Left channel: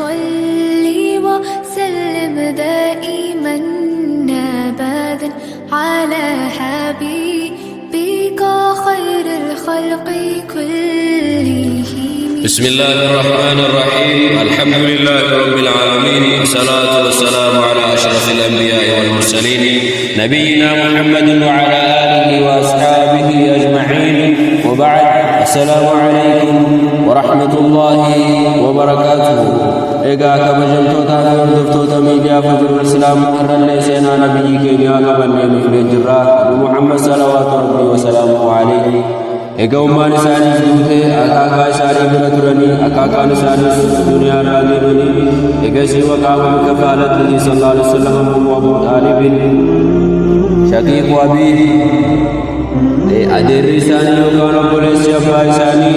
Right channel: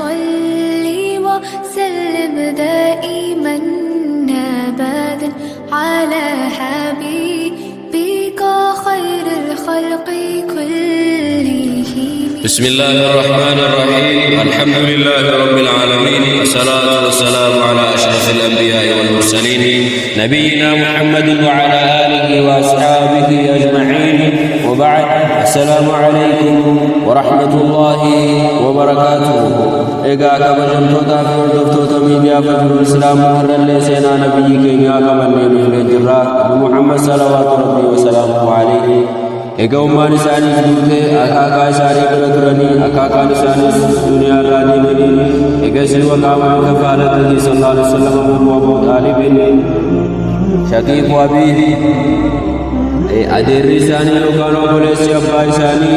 صل وسلم دائما أبدا على حبيبك خير الخلق كلهم. بسم الله الرحمن الرحيم. الحمد لله رب العالمين، والصلاة والسلام على أشرف الأنبياء والمرسلين نبينا محمد وعلى آله وأصحابه أجمعين، وبعد. السلام عليكم ورحمة الله وبركاته. إيقا كبجمتوتا في وردفتوتا ميديا فجر الإسلام هر اللي سينا نبي كينيا قبل نفل الجراء بمحمد صلوات ربي وسلامه عليه. إيقا أمان إسانيس دوته أكاكا إساني برتراني أكاكا إسانيس دنيا راني مني. إيقا سيوى قام بكفالته صلى الله عليه وسلم أبو طالب شقيق أبيه أدير إساني وكانوا بوليسي أبا إساني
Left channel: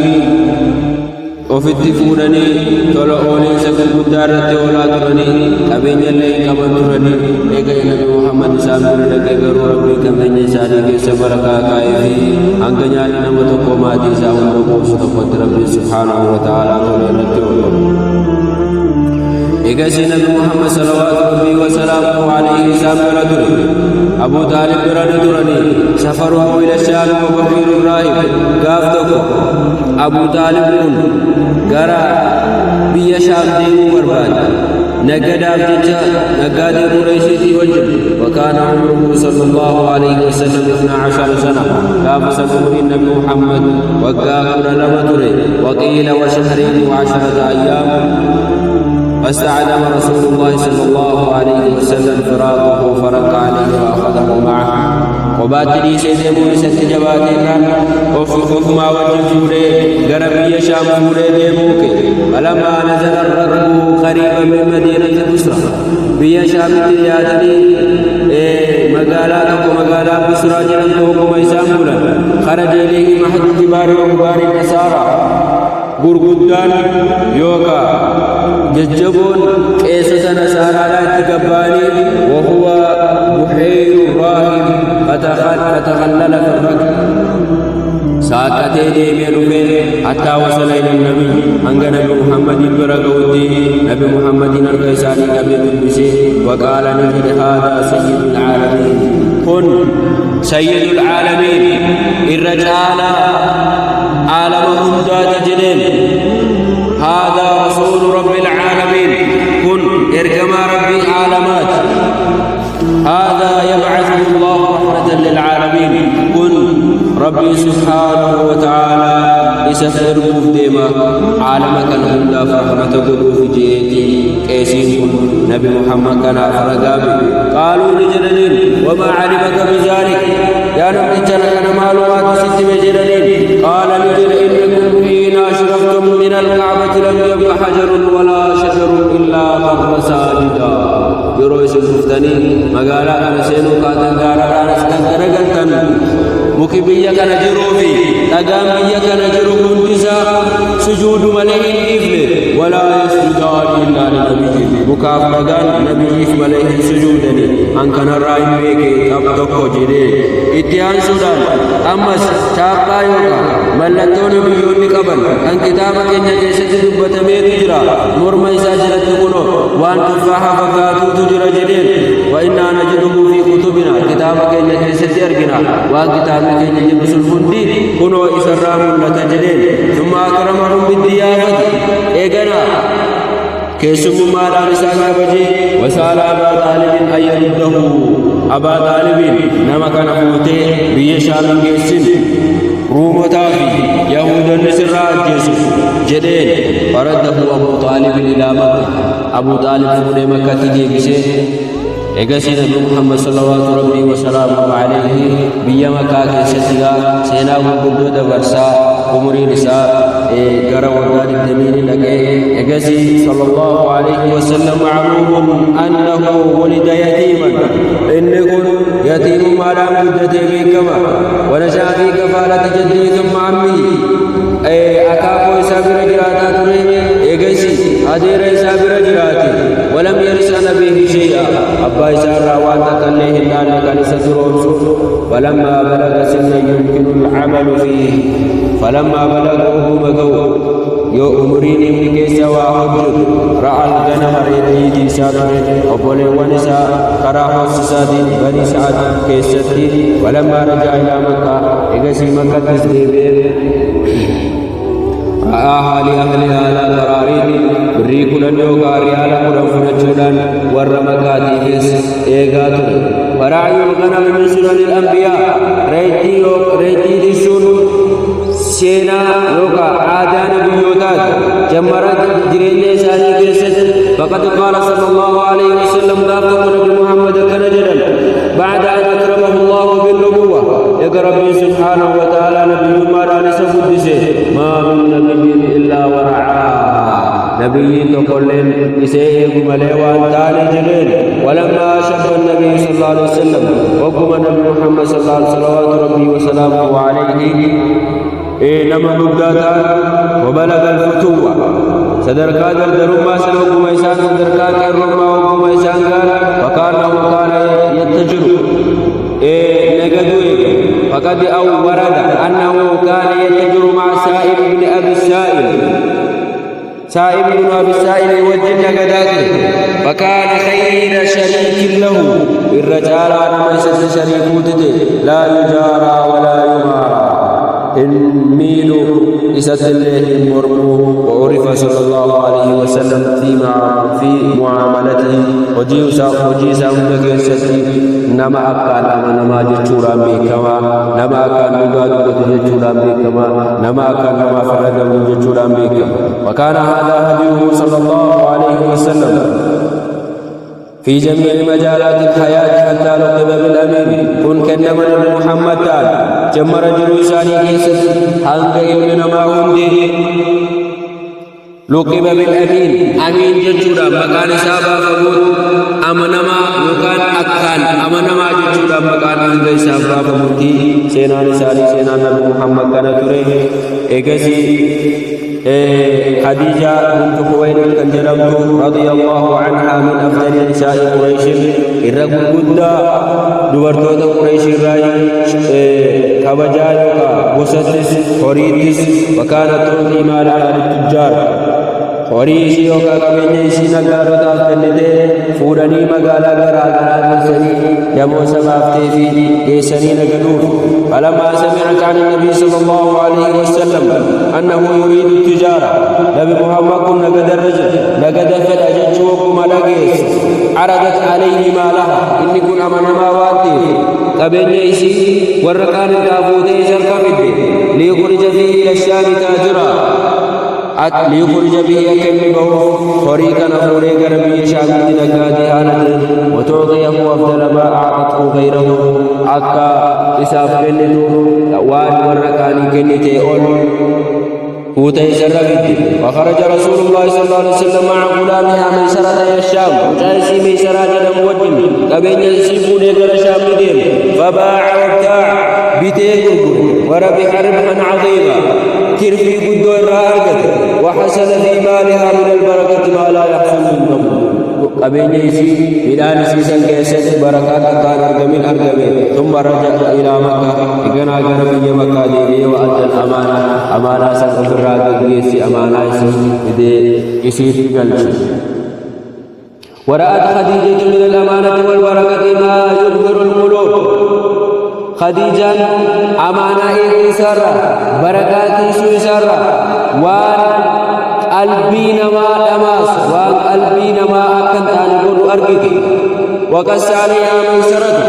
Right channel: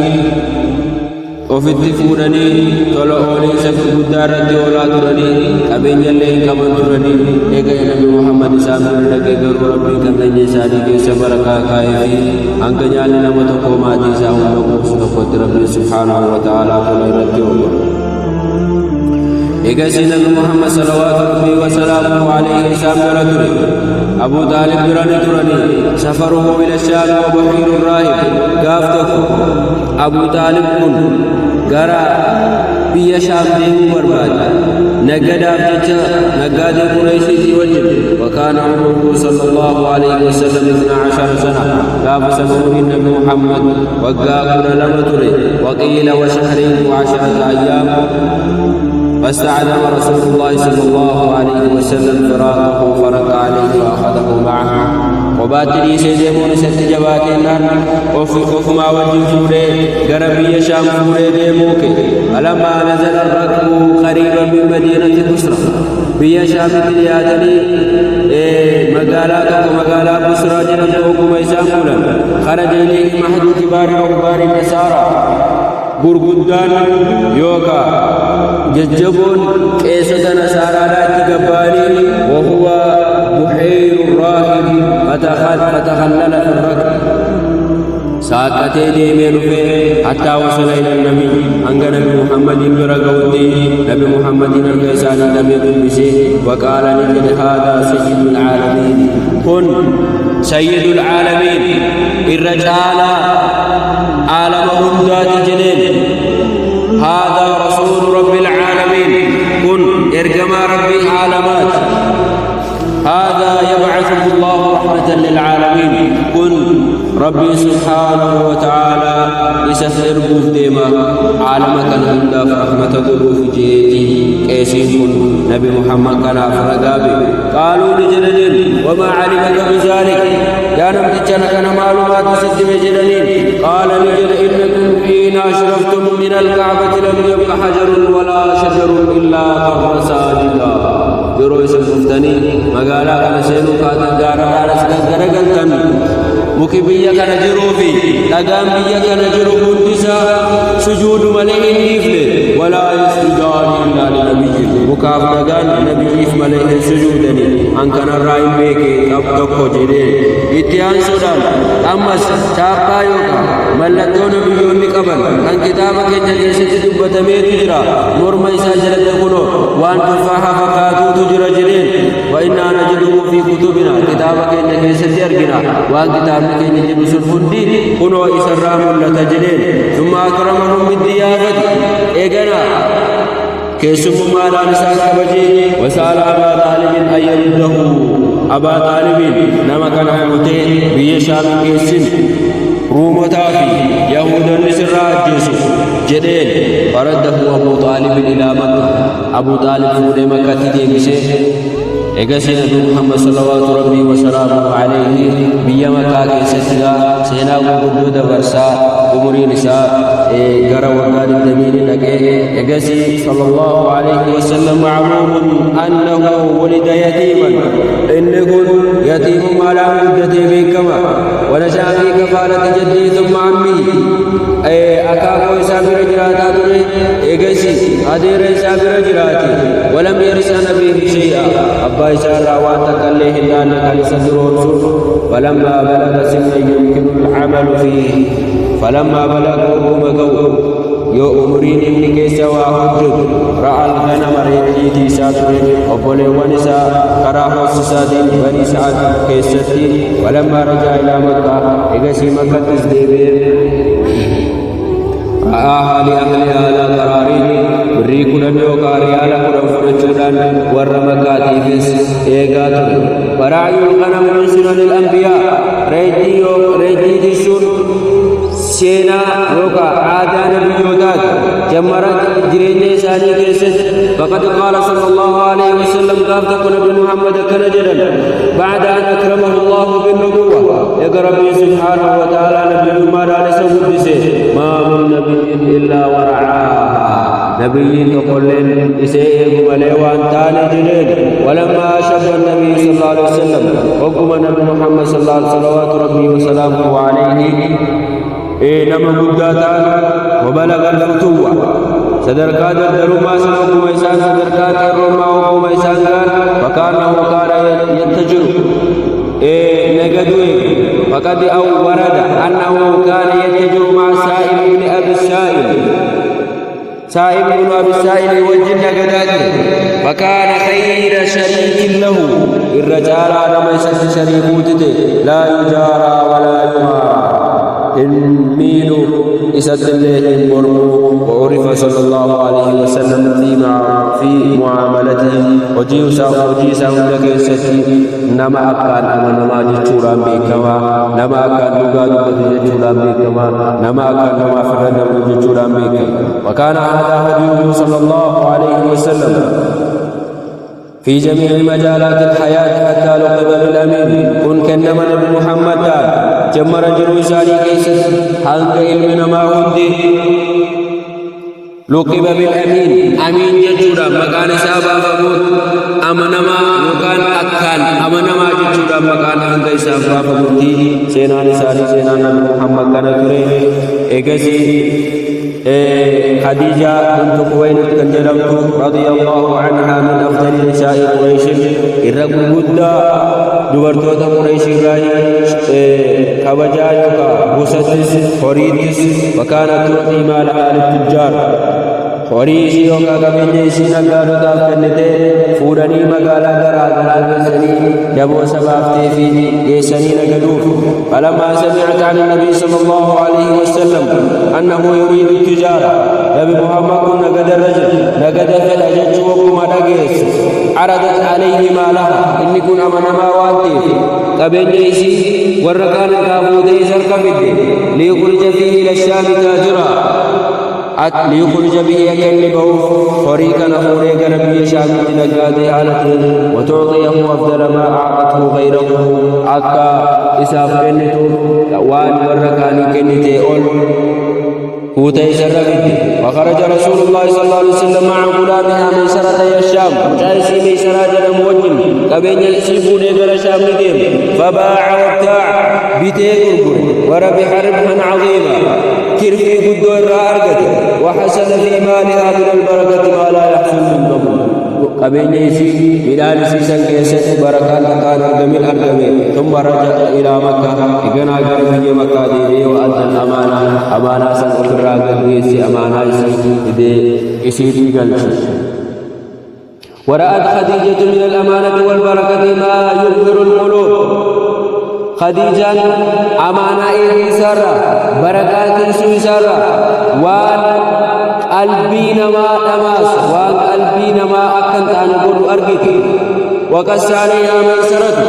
ofitti fuudhanii tola ooleensa gurguddaa irratti oolaa turanii qabeenya illee hin qaban turanii. Eega nabi Muhammad isaan bira dhaqee garuu rabbiin qabeenya isaanii keessa barakaa kaa'ee fi hanga nyaanni nama tokko maatii isaa hunda quubsu tokkotti rabbiin subhaanahu wa ta'aalaa tola irratti oole. Eegasii nabi Muhammad salawaatu rabbii wa salaamuhu alayhi isaan bira ture. Abu Taalib bira ni turanii. Safaruhu ila Shaam wa bahiiru raahib. Gaaf tokko Abu Taalib kun gara biyya Shaam deemuu barbaade. Nagadaaf jecha nagaadee Qurayshiitii wajjin. وكان عمره صلى الله عليه وسلم 12 سنة. كافس عمر النبي محمد وقاكل لما تري وقيل وشهرين و10 أيام. فاستعدم رسول الله صلى الله عليه وسلم فراقه فرق عليه وأخذه معه. وباتري سيدمون ست جباتنا وفي ما وجه فوري غربي شام فوري ديموك. فلما نزل الركب قريبا من مدينة بصرة بيا شام ترياتني مقالاتك ومقالات بصرة جنم توقم إسامبولا. خرج إليه محد كبار رهبان النصارى gurguddaan yookaa jajjaboon qeessota nasaaraadhaatti gabbaanii. وهو بحير الراهب فتخلل في الركب. ساقتي ديمي رفي حتى وصل إلى النبي أنك نبي محمد برقوتي. نبي محمد نرقيساني نبي بسي وقال نجد هذا سيد العالمين. كن سيد العالمين الرجال عالم هندات جنين. هذا رسول رب العالمين. كن ارجما ربي عالمات. هذا يبعثه الله رحمة للعالمين. كن ربي سبحانه وتعالى إسف إرقوف ديما عالمك نهندا فرحمة قلوف جيتي كيسين. كن نبي محمد كان أفرقابي. قالوا لجنين وما علمك بذلك يا نمتجنا كان معلومات ست مجنين. قال نجر إنكم حين أشرفتم من الكعبة لم يبق حجر ولا شجر إلا خر ساجدا. yeroo isin dhuftanii magaalaa kana seenuu kaatan gaararraan as gaggaragaltan muki biyya kana jiruu fi dhagaan biyya kana jiru hundisaa sujuudu malee hin dhiifne. walaa yasjudaani illaa linabiyyin. mukaaf dhagaan nabiyyiif malee hin sujuudani. an kanarraa hin beeke qab tokko jedhee itti aansuudhaan ammas chaappaa yookaan mallattoo nabiyyoonni qaban kan kitaaba keenya keessatti dubbatameetu jira. morma isaa jalatti kunoo waan tuffaaha fakkaatuutu jira jedheen. وإنا نجده في كتبنا. كتاب كينا كيستي أرقنا وان كتابنا كينا جنو سنفندي كنوا إسرام لتجلين. ثم أكرمهم بالضيافة. إيقنا كيسم مالا نسان كبجي. وسأل أبا طالب أن يرده. أبا طالب نما كان فوته بيشام جيسن رومتا في يهود النسر جيسو جدين. فرده أبو طالب إلى مكة. أبو طالب فوده مكة تدي بسي. إيقاسي نبي محمد صلوات ربي وسلامه عليه بيا مكة كيستيغا سينا وقدو دبرسا عمري نساء غرا وقاد الدمين لكي. إيقاسي صلى الله عليه وسلم معلوم أنه ولد يتيما. إنكن يتيم مالام قدتي بكما ونشأ في كفالة جدي ثم عمه. أكاكو إسابر جراتا تري. إيقاسي أدير إسابر جراتي ولم يرث نبيه شيئا. أبا إسار وان تكليه النان كان سدرون. فلما بلغ سنا يمكن العمل فيه. فلما بلغ أبو مقو يو أمرين إمني كيسا وحجد رأى الغنم ريتيتي ساتر أبولي ونسا كراه السسادين بني سعد كيستي ولما رجع إلى مكة إغسي مكة تزديبه رآها لأهلها لا قراريد بري كلن يوكا ريالا كلن فرجودان ور مكاتي فيس إيغاتر ورعي الغنم من سنن الأنبياء ريتي تسون سينا يوكا عادا نبيوتات جمرت جرين إساني كيست فقد قال صلى الله عليه وسلم قابتك نبي محمد كنجدا بعد أن أكرمه الله بالنبوة يقى ربي سبحانه وتعالى نبي ما رانس قدسه ما من نبي إلا ورعاها نبي تقولين إسيئه مليوان تاني جلين ولما شب النبي صلى الله عليه وسلم وقم نبي محمد صلى الله عليه وسلم صلوات ربي وسلامه عليه نما قداتان وبلغ الفتوة صدركا درما سنوكم إيسان صدركا كرما وكم إيسان قال فكانه كان يتجر نقدوه فقد أو ورد أنه كان يتجر مع سائب بن أبي السائل سائب بن أبي السائل يوجه نقداته فكان خير شريك له الرجال نما يسد شريكوته لا يجارى ولا يمارى الميل إسات الله مرمو وعرف صلى الله عليه وسلم في معاملته وجي سامدك يساتي نما أكان أما نما جتشوران بكما نما أكان نغا دبت جتشوران بكما نما أكان نما فرد جتشوران بكما وكان هذا هديه صلى الله عليه وسلم في جميع مجالات الحياة حتى لقب بالأمين كن كنما نبي محمد تعالى جمر جروساني كيست هنگ علمنا ما هندي لقب بالأمين أمين ججودا مكان سابا فموت أمنما يكان أكان أمنما ججودا مكان هنگ سابا فموتي سينان سالي سينان نبي محمد كان تري إيقسي خديجة بنت خويلد كان جلمت رضي الله عنها من أفضل نساء قريش الرجل قد دبرتوت قريش الراي كبجا يوكا بوستس خريتس وكانت تعطي مالها للتجار خريش يوكا كبني سينا قالوا تافتنته فوراني مقالا غرا كيسني جمو سبافتي في كيسني نقدوف فلما سمعت عن النبي صلى الله عليه وسلم أنه يريد التجارة نبي محمد كن نقد الرجل نقد فالأجج وكما لقيت عرضت عليه مالها إني كن أمن ما وانتيف كبني يسي ورقان الكابوتي سركفده ليخرج فيه إلى الشام تاجرا ليخرج به يكنبه فريقا نفوريك نبي شامت نقاده حالته وتعطيه أفضل ما أعطته غيره أكا إساف كنتو وان ورقاني كنتي أول كوتي سربت وخرج رسول الله صلى الله عليه وسلم مع غلامها ميسرة الشام مجالسي ميسرة جل موجن كبين يسيبون يقر الشام ندين فباع وابتاع بيتي قرقر وربح ربحا عظيما كرفي قدو الرأرقة وحسن في مالها من البركة ما لا يحصل من قبل قبين يسي ميلان سيسان كيست بركان تقان أرقمين ثم رجع إلى مكة إقنا قربي مكة ديبي وأدى الأمانة أمانة سن أفرى قديسي أمانة إسي تقلش ورأت خديجة من الأمانة والبركة ما يبهر القلوب خديجة أمانة إيه سارة بركات إيه سارة وان قلبي نما دماس وان قلبي نما أكن تانقود أرقك وقس عليها ميسرة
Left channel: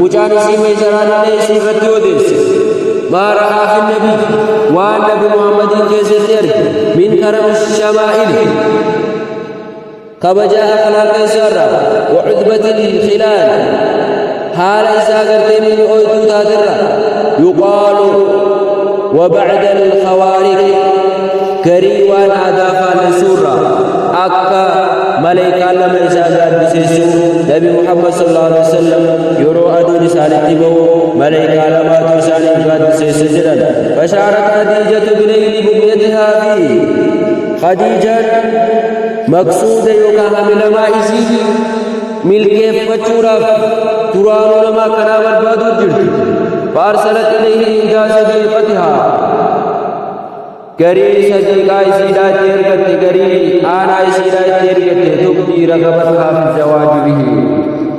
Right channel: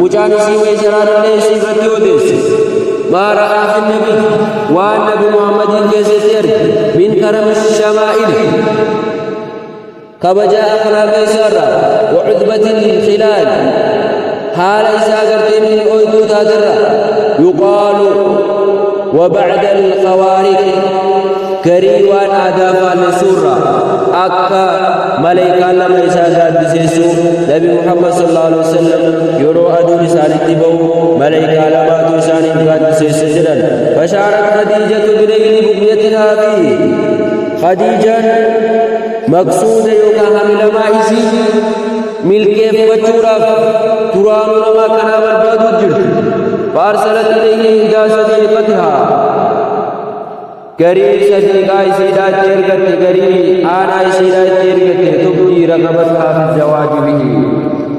مجانسي ميسران ليس رتيوديس ما رأى في النبي وان نبي محمد كيستير من كرم الشمائل كبجا أخلاق إسارة وعذبة الخلال حال إساقرت من أويتو تادرة يقال وبعد الخوارق كريوان آدافا لسورة أكا ملائكة لما إساقات بسيسو نبي محمد صلى الله عليه وسلم يرو أدو رسالة بو ملائكة لما توسان إفقات بسيسو جدا فشعرت خديجة بنيل بقيتها فيه خديجة مقصود يوكا حمل ما إسي ملكيف فتورا ترانو لما كنا بربادو جرت فأرسلت إليه إهدى صديقتها قري صديقا يسيدا تيرغت قري آنا يسيدا تيرغت تبدي رغبتها في الزواج به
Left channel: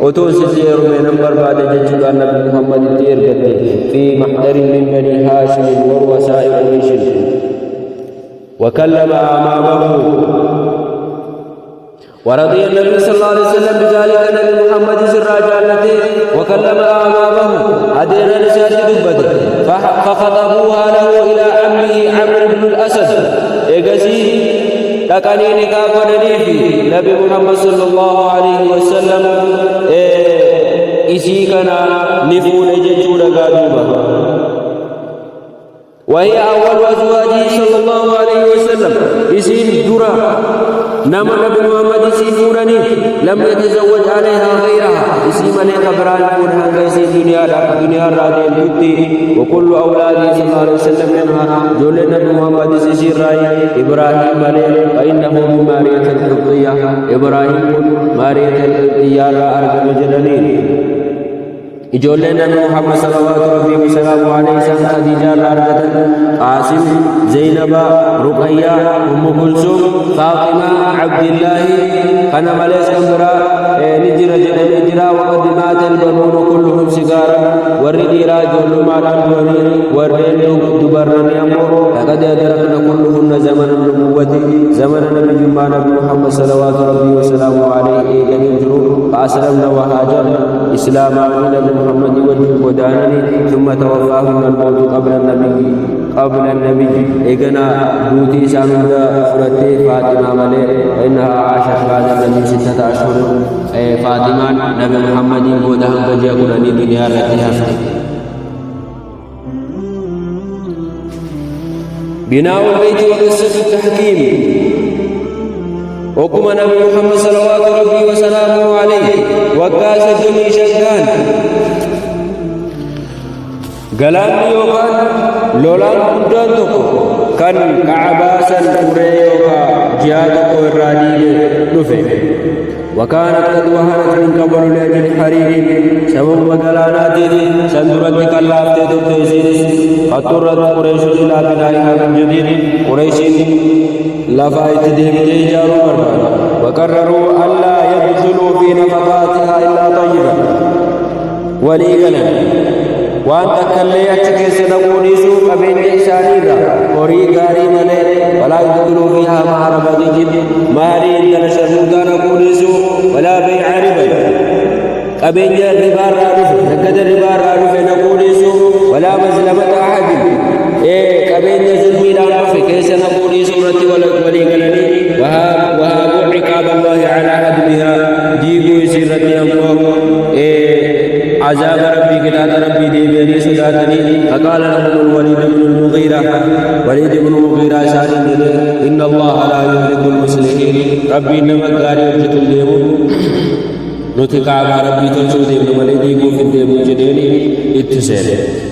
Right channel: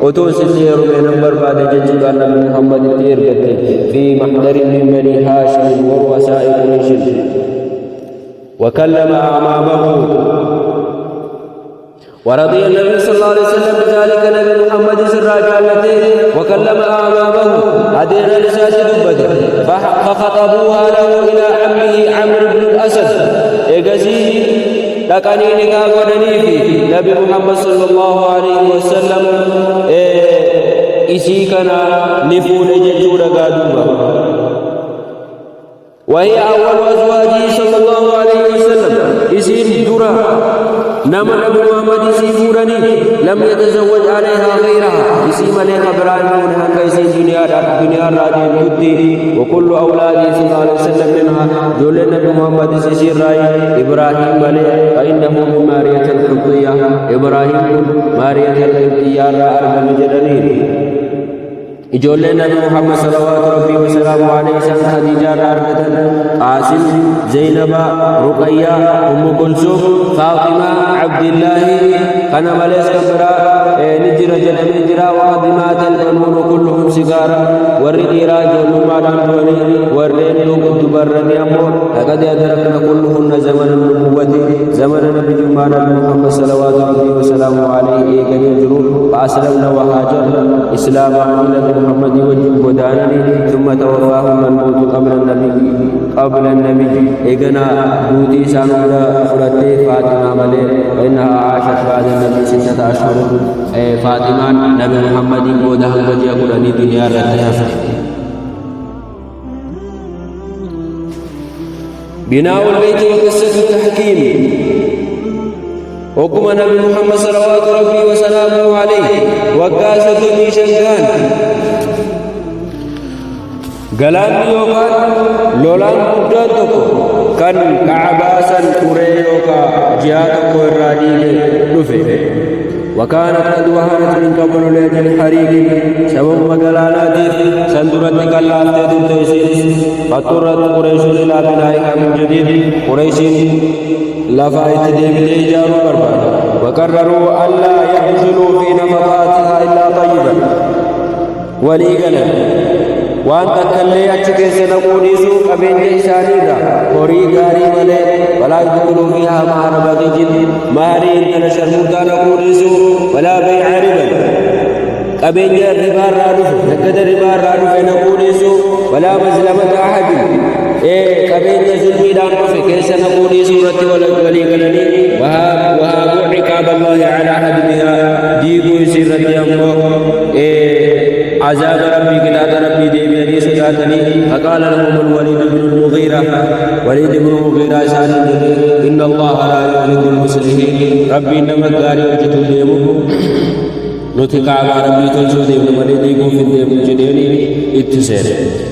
أتون ستير من نمبر بعد جدّ النبي محمد تيرغت في محضر من بني هاشم ورؤساء قريش وكلم أمامه ورضي النبي صلى الله عليه وسلم بذلك نبي محمد سراج التي وكلم أمامه أدير لسات دبته فخطبوها له إلى عمه عمرو بن الأسد إيجاسي تكاني نكاح ودني في نبي محمد صلى الله عليه وسلم إسي كان نفون ججور قادوبا وهي أول أزواجه صلى الله عليه وسلم إسين درا نما نبي محمد سيفورني لم يتزوج عليها غيرها اسم عليها إبراهيم فونها كيسين دنيا رادين جدي وكل أولاده صلى الله عليه وسلم منها جول النبي محمد سيسير راي إبراهيم عليه فإنه من مارية القبطية إبراهيم كن مارية القبطية را أرقم جدنين إجول النبي محمد صلوات ربي وسلامه عليه سان خديجة رارقة قاسم زينب رقية أم كلثوم فاطمة عبد الله كان مليس كمبرا نجر جنم جرا وقدمات البنون كلهم سيجارا والرديرا جول ما دانوني والرين دبرني أمو لقد أدركنا كلهن زمن النبوة زمن نبي جمع نبي محمد صلوات ربي وسلامه عليه إيقاني جرو فأسلمنا وهاجرنا إسلاما نبي محمد وجه ودانني ثم توفاهن الموت قبل النبي إيقنا دوتي سانودا فرتي فاطمة ملي فإنها عاشت بعد النبي 6 أشهر فاطمة نبي محمد بودهن قجي قراني دنيا رتي هفتي بناء البيت وقصة التحكيم وكما نبي محمد صلوات ربي وسلامه عليه وقاس الدمي شنقان قلان يوكان لولان قدان تكو كان كعباسا قري يوكا جهاتكو الراديق دفع وكانت قد وهنت من قبل لأجل حريق سبب مقلانات سندرت كلافتي تبتيسينس فاضطرت قريش إلى بنائها من جديد قريش لفايت ديمتي جاروا برباد وقرروا ألا يدخلوا في نفقاتها إلا طيبا وليقنا وان تكلي أتشكي سنقونيسو قبين إسانيرا هوري غاري ملي ولا يدخلوا فيها مهر بغي مهري انتنا شرموتا نقونيسو ولا بيع ربا قبين ربا رادف نقد ربا رادف نقونيسو ولا مظلمة أحد قبين ظلمي دان رفي كيس نقوني سورة ولي قلني وهابوا عقاب الله على حدمها ديقوا سيرتي الله عذاب ربي كتاب ربي ديبيني صداتني فقال لهم الوليد بن المغيرة سالين جده إن الله لا يهلك المصلحين ربي إنما قاري وجتو ديمو نتقاب ربي تلشو ديمو مليديقوا في الديمو جديني اتسين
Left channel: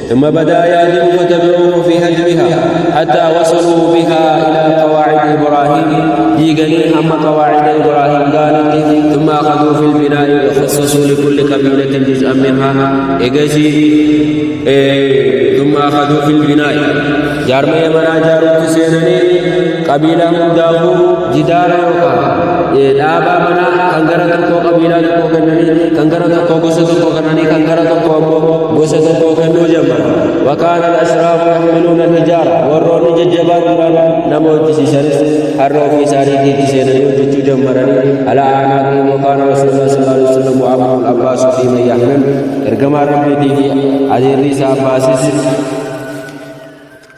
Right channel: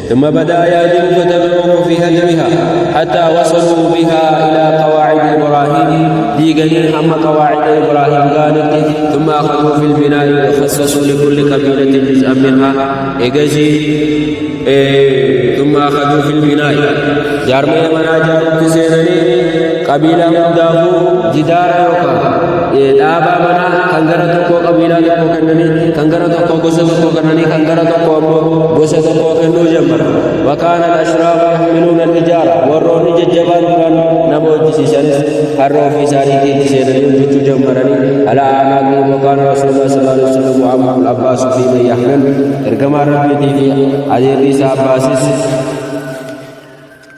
ثم بدأ يهدم فتبعوه في هدمها حتى وصلوا بها إلى قواعد إبراهيم ديقني هم قواعد إبراهيم قالت ثم أخذوا في البناء وخصصوا لكل قبيلة جزءا منها ثم أخذوا في البناء جارمي منا جارو تسينني قبيلة دافو جدار يوكا dhaaba mana kan gara tokko qabiilaa tokko kennanii kan gara tokko gosa tokko kennanii kan gara tokko ammoo gosa tokko kennuu jammara وكان الأشراف يحملون الحجارة والرون ججبان دران نمو جسيسانس حروا في ساريتي تسينني وجتو جمرني على أعناقهم وكان رسول الله صلى الله عليه وسلم وعمه العباس في من يحمل ارقما ربيتي في عزير ريسا عباسس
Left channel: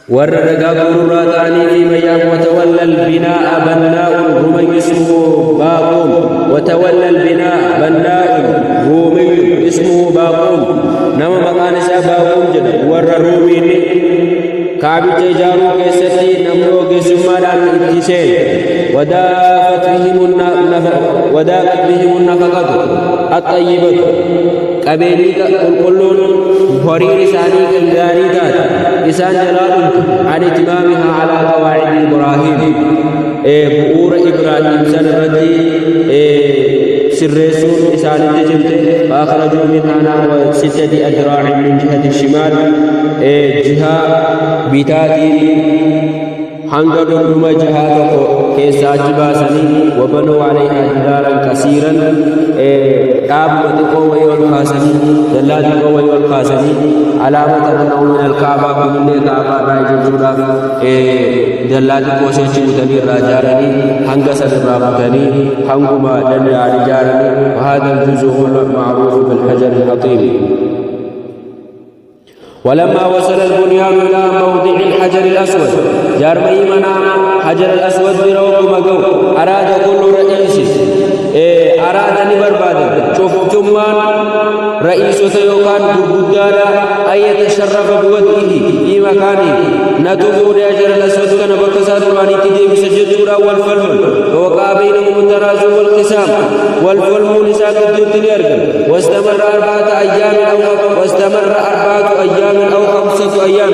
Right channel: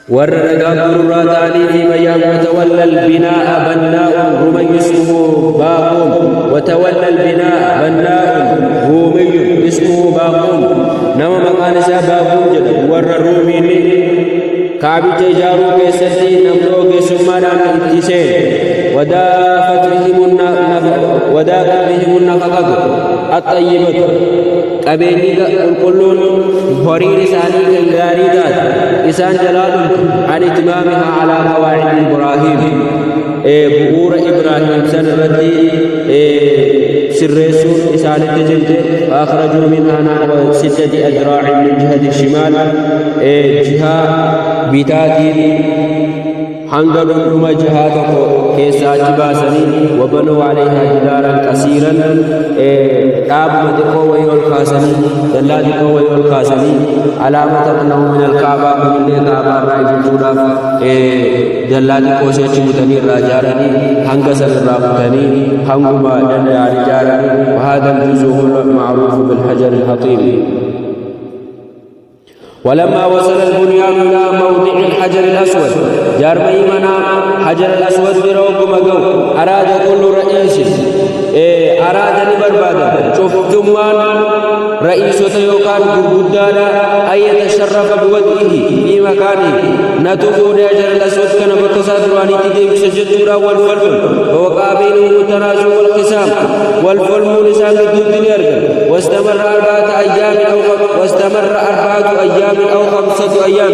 ورّرقا قرورا تعني في ميام وتولى البناء بناء رومي اسمه باقوم وتولى البناء بناء رومي اسمه باقوم نما مكان باقوم جدا ورّ الرومي كعبي تجارو كيستي نملو كسمالان اتسين ودافت بهم النفقة الطيبة قبيني قلقلون هورين ساني كنغاني تات إسان جلالهم عن اتمامها على قواعد إبراهيم بؤور إبراهيم سن الردي سرسون إسان التجمت فأخرجوا منها نحو 6 أذراع من جهة الشمال جهة بتات حنقر نما جهاتك كيساج باسني وبنوا عليها جدارا كثيرا آب متقو ويول خاسني دلاتقو ويول خاسني علامة أنه من الكعبة كل اللي كعبة رايج جودا دلاتقو سيچ بتني راجارني حنقسن الرابطني حنقما دنيا رجارني وهذا الجزء هو المعروف بالحجر الحطيم. ولما وصل البنيان إلى موضع الحجر الأسود جارمي منا حجر الأسود بروق مقو أراد كل رئيس أراد بربادا شوف ثمان رئيس يوكان قرقدادا أن يتشرف بوضعه في مكانه نتوبوا لأجر الأسود كان بكسا دراني تدي بسجدورا والفلم ووقع بينهم الترازو والخسام والفلم نسان الدوتني أرقل واستمر 4 أيام أو 5 أيام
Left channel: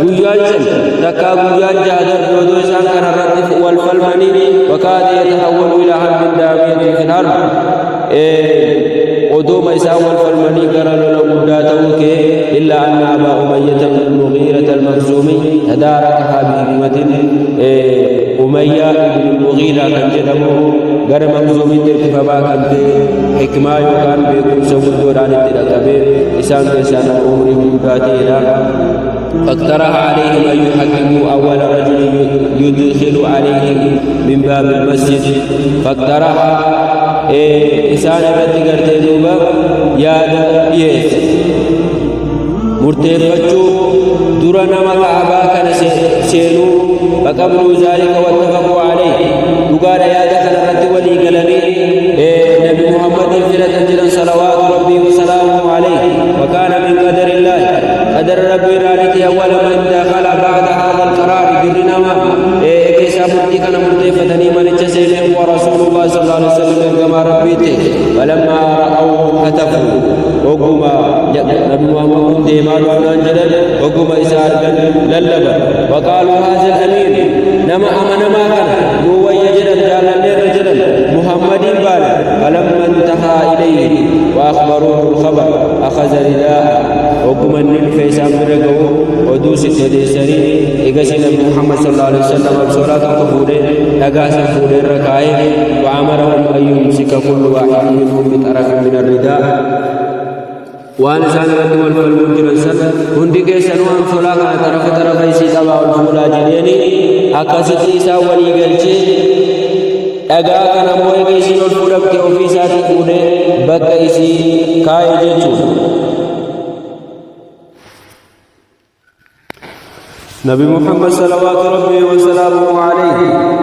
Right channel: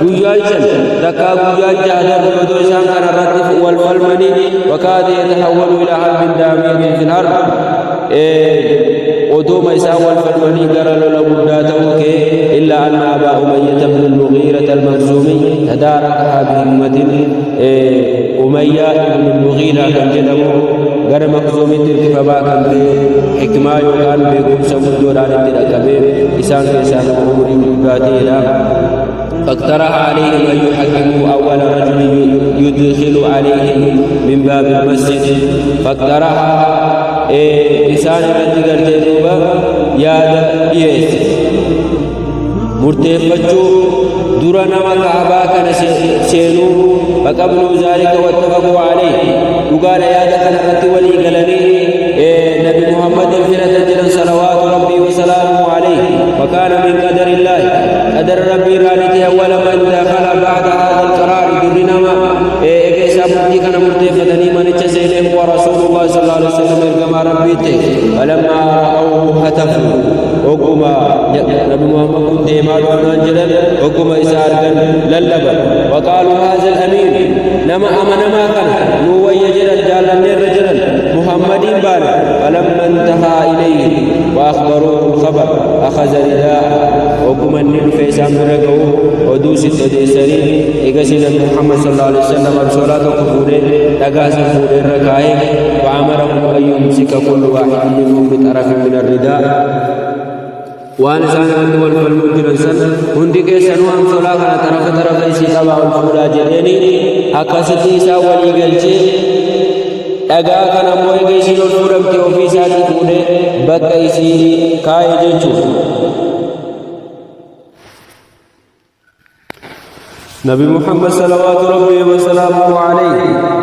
قيال جن لكا قيال جادر بودو إسان كان الرتف والفلمني وكاد يتحول إلى حرب دامية في الحرب ودوم إسان والفلمني قرلوا لقداته إلا أن أبا أمية بن المغيرة المخزومي تداركها بهمة أمية بن المغيرة كان جدمو غير مخزومي تركف باكمت حكما يوكان بكم سبود دوران التركبه إسان كيسان أمري مداتينا فاقترح عليهم أن يحكموا أول رجل يدخل عليهم من باب المسجد فاقترح إسان الرد قرتي دوبا ياد يس مرتفتشو درنا مكعبا كان سينو فقبلوا ذلك واتفقوا عليه وقال يا دخل الرت ولي قالني نبي محمد فرة جلا صلوات ربي وسلامه عليه وكان من قدر الله قدر ربي رانيتي أول من دخل بعد هذا القرار درنا ما كيسا مرتي كان مرتفتني من اتسينه هو رسول الله صلى الله عليه وسلم كما ربيته فلما رأوه هتفوا وقما نبي محمد كنت يمارو نانجلا وقما إسارقا للبا وقالوا هذا الأمين نما أمن ما كان نو يجدل جالن رجلا محمد بانا فلما انتهى إليه وأخبروه الخبر أخذ رداء وقم النيل فيسام برقه ودوس التديسري إقسي نبي محمد صلى الله عليه وسلم بصلاة كفوره لقاسم فوره الركائه وعمرهم أن يمسك كل واحد منهم بطرف من الرداء وأنا سان رد والفلمجرن سن هندي كيسنو أم صلاة كان طرف يسي تبع الفولا جليني أكاسيتي إسا ولي قلچه أغا كان موي كيسين الفولم كي أوفيساتي فوده بك إسي كاي جيچون نبي محمد صلوات ربي وسلامه عليه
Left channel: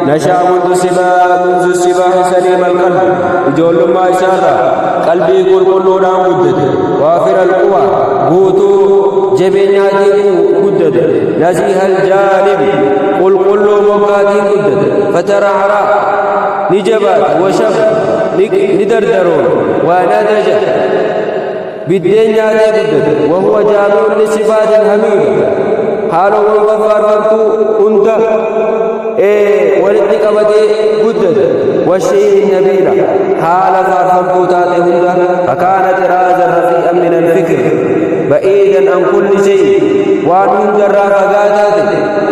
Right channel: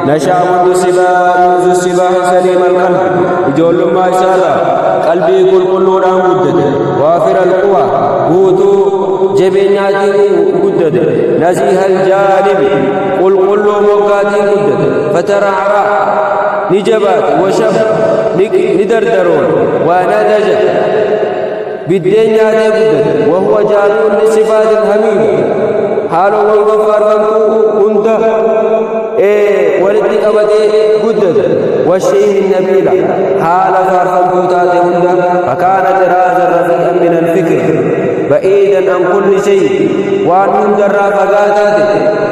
نشأ منذ السباح سليم القلب يجول ما إشارة قلبي كل دام قدد وافر القوى قوتو جبيناتي قدد نزيه الجانب كل موقاتي قدد فترعرا نجبات وشب ندردرون وندج بالدنياتي قدد وهو جامع لصفات الحميدة حالو والغفار فانتو كنت ولدك أبدي قدد والشيء النبيلة حال فارفمتو تاتي هند فكانت رازا رفيئا من الفكر بعيدا عن كل شيء وان هند الرافقاتاتي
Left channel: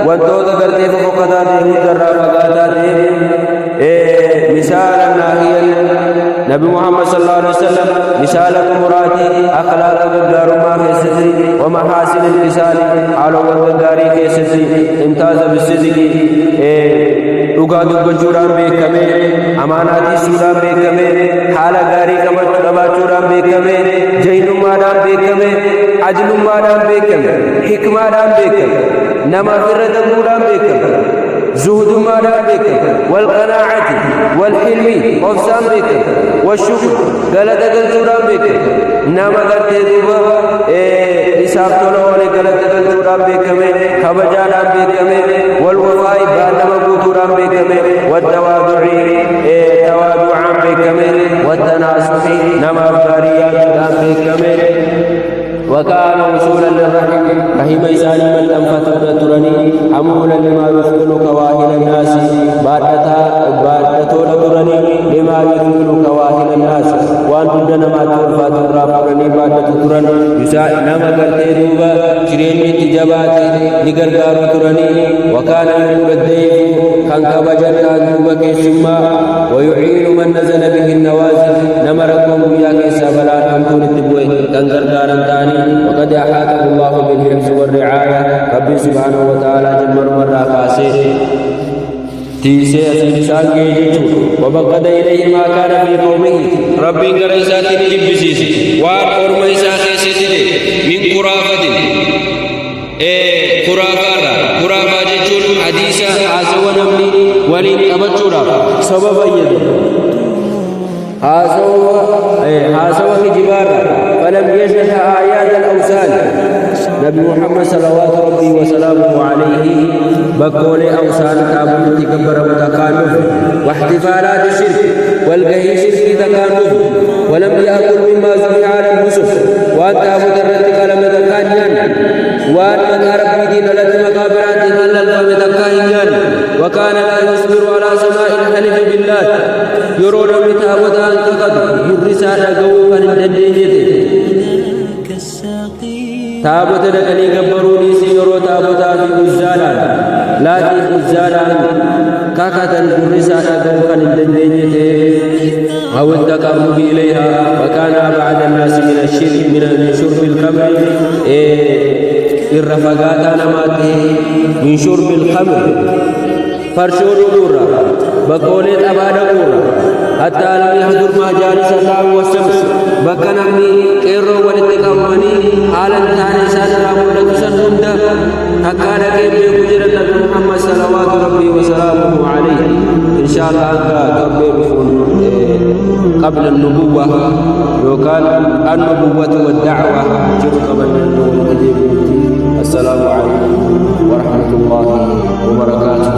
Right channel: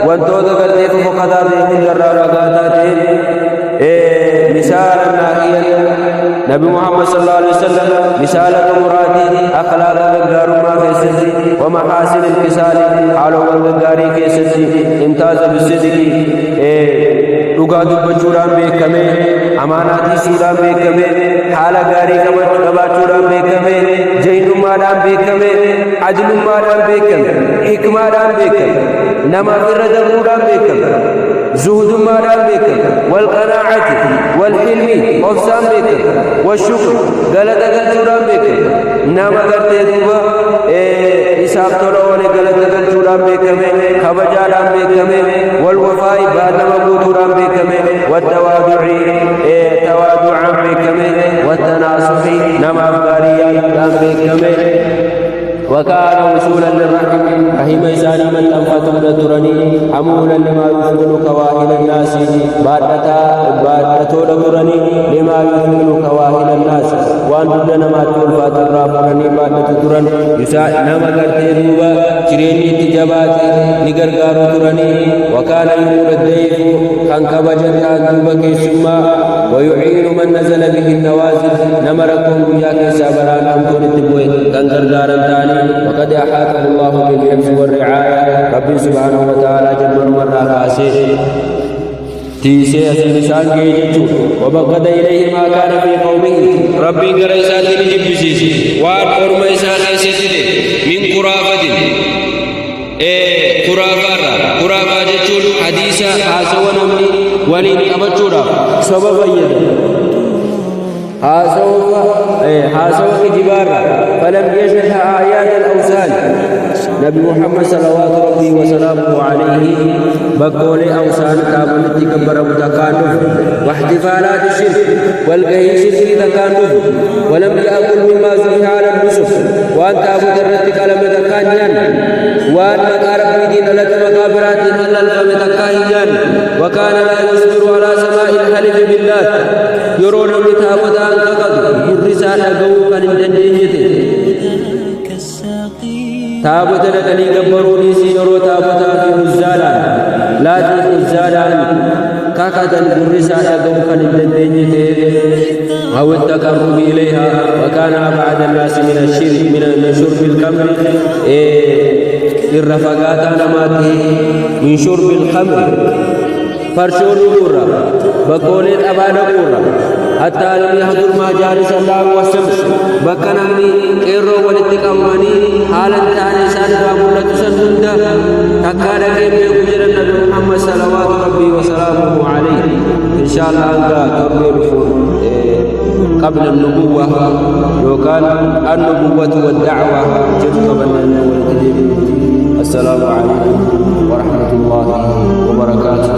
وانتو ذكرتي ففقاتاتي هند الرافقاتاتي مثالا ناهيا نبي محمد صلى الله عليه وسلم مثالة مراتي أخلاق غغار ما كيستي ومحاسن الكسال على غغاري كيستي امتاز بالصدق dhugaa dubbachuudhaan beekame amaanaatii suudhaan beekame haala gaarii qabaachuudhaan beekame jaynummaadhaan beekame ajlummaadhaan beekame hikmaadhaan beekame namaaf irra dabruudhaan beekame zuhudummaadhaan beekame walqanaacati walxilmi obsaan beekame washukr galata galchuudhaan beekame nama gartee duuba isaaf tola oole galata galchuudhaan beekame kabajaadhaan beekame walwafaa'i baallama guutuudhaan beekame wattawaadu'i tawaadu'aan beekame wattanaasuhi namaaf gaarii yaaduudhaan beekame وكان وصولا للرحم رحم إساني من أنفتون ترني حمولا لما يثمن كواهل الناس بادتون ترني لما يثمن كواهل الناس وان ددنا ما تولفات الرافرني بادت ترن يساء نما قرتي دوبا شريني تجاباتي نقرقار ترني وكان يقول الديف كان كبجن كان دوبا كيسما ويعين من نزل به النوازل نمركم وياك سابلان أمتون التبوي كان قرقارا تاني وقد أحاطه الله بالحفظ والرعاية ربي سبحانه وتعالى جمر مرة كاسي تيسي أسينسان جيجتو وبقد إليه ما كان في قومه ربي قريسات نجب بسيس وان أرميسا خيستي من قرافة قرافة جتون حديثة حاسوا نمني ولين أبتشورا سبب يدا حاسوا كجبارا فلم يشهد آيات الأوثان نبي محمد صلوات ربي وسلامه عليه بقول أوثان تابن تكبر متكانف واحتفالات الشرك والقهي شركي تكانف ولم يأكل مما ذبح على النسف وأن تابت الرتك لم تكانيان وأن مقارب دين التي مقابرات هلل فمتكانيان وكان لا يصبر على سماء الحلف بالله يرون متابت أن تقضوا يرسى لقوه فنندنيته تابت لكني قبروا ليسي يرو تابتا في الزالان لا في الزالان كاكتا قرسا لقوه فنندنيته أو التقرب إليها وكان أبعد الناس من شرب الخمر الرفقات نماته من شرب الخمر فرشو نبورا بقولت أبانا قورا حتى لم يحضر ما جالس الله والسمس بكنمني قيرو والاتقامني حالا تاني سان رامولة سنهند تكاد كيم بكجر النبي محمد صلوات ربي وسلامه عليه إن شاء الله أنك تربي بفون قبل النبوة يقال النبوة والدعوة جدو قبل النبوة السلام عليكم ورحمة الله وبركاته